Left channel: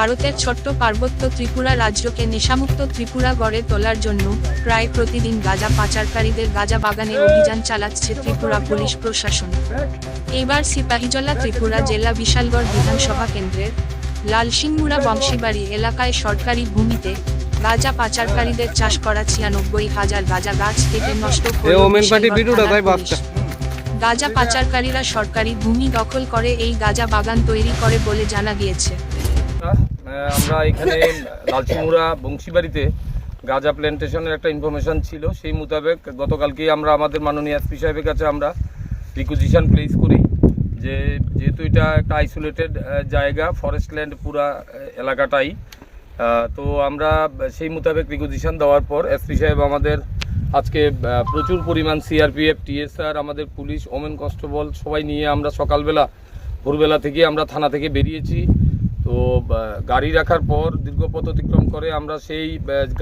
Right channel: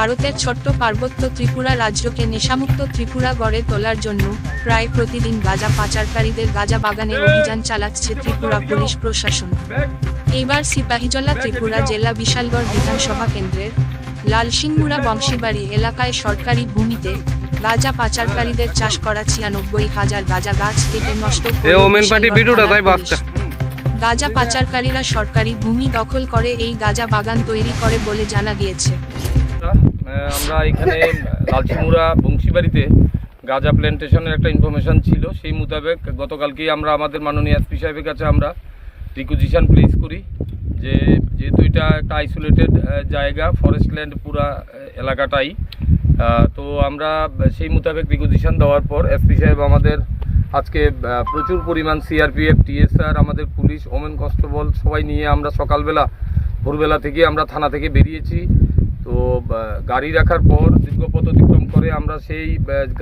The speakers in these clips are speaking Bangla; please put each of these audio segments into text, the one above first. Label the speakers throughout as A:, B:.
A: ভারতের ছোট্ট পার্বত্য ত্রিপুরা রাজ্যকে নেশামুক্ত ত্রিপুরা গড়ে তোলার জন্য প্রায় প্রতিদিন গাঁজা পাচারকারীদের গাঁজা বাগানে অভিযান চালাচ্ছে ত্রিপুরা পুলিশ প্রশাসন। এবার সিপাহীজলা ত্রিপুরা জেলা বিশালগড় বিধানসভা কেন্দ্রের লালসিংমুড়া বংশীবাড়ি এলাকায় সরকারি ভূমিতে গাঁজা পাচারকারীদের চাষ করা ছিয়ানব্বই হাজার গাঁজা গাছ কেটে নষ্ট গাঁজা পাচারকারীরা সরকারি ভূমি দখল করে এই গাঁজা বাগান তৈরি করে বলে জানা গিয়েছে।
B: আমরা এখানে লালচিমুড়া বংশীবাড়িতে গাঁজা প্ল্যান্টেশনের একটা ইনফরমেশন ছিল। সেই মোতাবেক গতকালকেই আমরা আমাদের মাননীয় এসপি সাহেবের কাছে আমরা রিকুজিশন প্লেস করি যে যেহেতু এটা একটা আইসোলেটেড জায়গা ফরেস্ট ল্যান্ড পুরা এলাকাটাই। তো আমরা সেই মোতাবেক রিকুজিশন দেওয়ার পর এসপি সাহেব আমাদের আজকে প্রচুর পরিমাণ সিআরপিএফ টিএসআর আমাদের পুলিশ ওমেন কনস্টেবল সবাই নিয়ে আমরা সকালবেলা, ভোরবেলা থেকে আমরা থানা থেকে বেরিয়েছি। তো গাড়ি রাখার পর দীর্ঘ পথ অতিক্রম করে আমরা সেই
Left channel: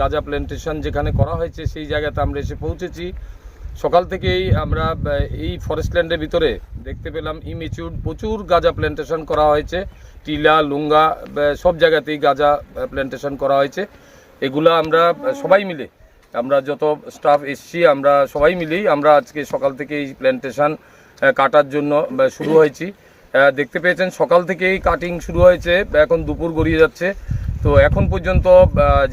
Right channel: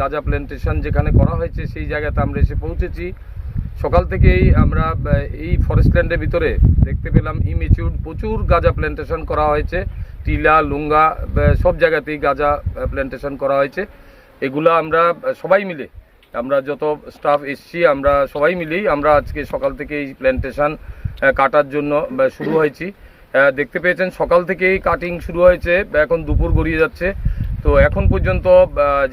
B: গাঁজা প্ল্যান্টেশন যেখানে করা হয়েছে সেই জায়গাতে আমরা এসে পৌঁছেছি। সকাল থেকেই আমরা এই ফরেস্ট ল্যান্ডের ভিতরে দেখতে পেলাম ইমেচিউড প্রচুর গাঁজা প্ল্যান্টেশন করা হয়েছে। টিলা, লুঙ্গা সব জায়গাতেই গাঁজা প্ল্যান্টেশন করা হয়েছে। এগুলো আমরা সবাই মিলে আমরা যত স্টাফ এসছি আমরা সবাই মিলেই আমরা আজকে সকাল থেকে এই প্ল্যান্টেশন কাটার জন্য শুরু হয়েছি। দেখতে পেয়েছেন, সকাল থেকেই কাটিং শুরু হয়েছে, এখন দুপুর গড়িয়ে যাচ্ছে। তো এখন পর্যন্ত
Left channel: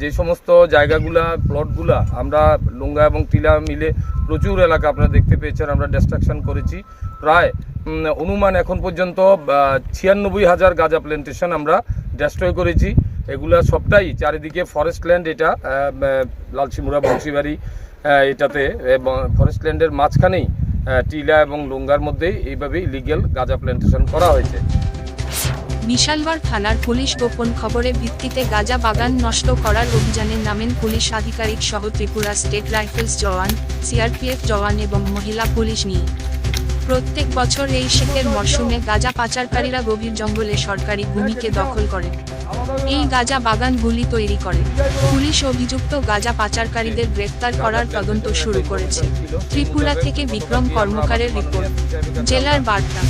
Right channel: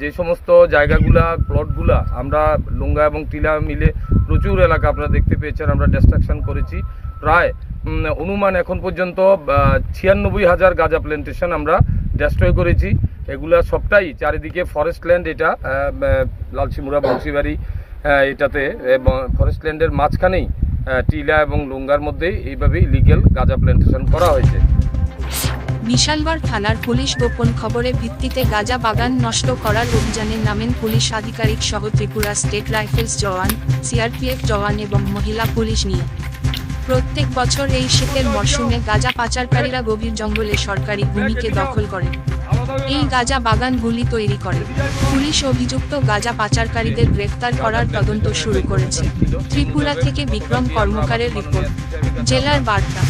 B: যে সমস্ত জায়গাগুলা প্লটগুলা আমরা লুঙ্গা এবং টিলা মিলে প্রচুর এলাকা আপনারা দেখতে পেয়েছেন, আমরা ডিস্ট্রাকশন করেছি। প্রায় অনুমান এখন পর্যন্ত ছিয়ানব্বই হাজার গাঁজা প্ল্যান্টেশন আমরা ডেস্ট্রয় করেছি। এগুলা সবটাই চারিদিকে ফরেস্ট ল্যান্ড এটা লালসিমুড়া, বংশীবাড়ি এটাতে ফরেস্ট ল্যান্ডের মাঝখানেই টিলা এবং লুঙ্গার মধ্যেই এইভাবেই লিগেল গাঁজা প্ল্যান্টেশন করা হয়েছে।
A: বিশালগড় থানার পুলিশ গোপন খবরে ভিত্তিতে গাঁজা বাগান নষ্ট করার অভিযানে নামেন পুলিশ আধিকারিক সহ ত্রিপুরা স্টেট রাইফেলস জওয়ান, সিআরপিএফ জওয়ান এবং মহিলা পুলিশ নিয়ে। প্রত্যেক বছর এই শীতের মরশুমে গাঁজা পাচারকারীরা গভীর জঙ্গলে সরকারি ভূমিকে দখল করে। এই গাঁজা বাগানগুলি তৈরি করে। পুলিশ অভিযুক্ত গাঁজা পাচারকারীদের গ্রেফতার করার তদন্ত শুরু করেছে। ত্রিপুরা থেকে বিক্রম কর্মকারের রিপোর্ট। জেলার বার্তা।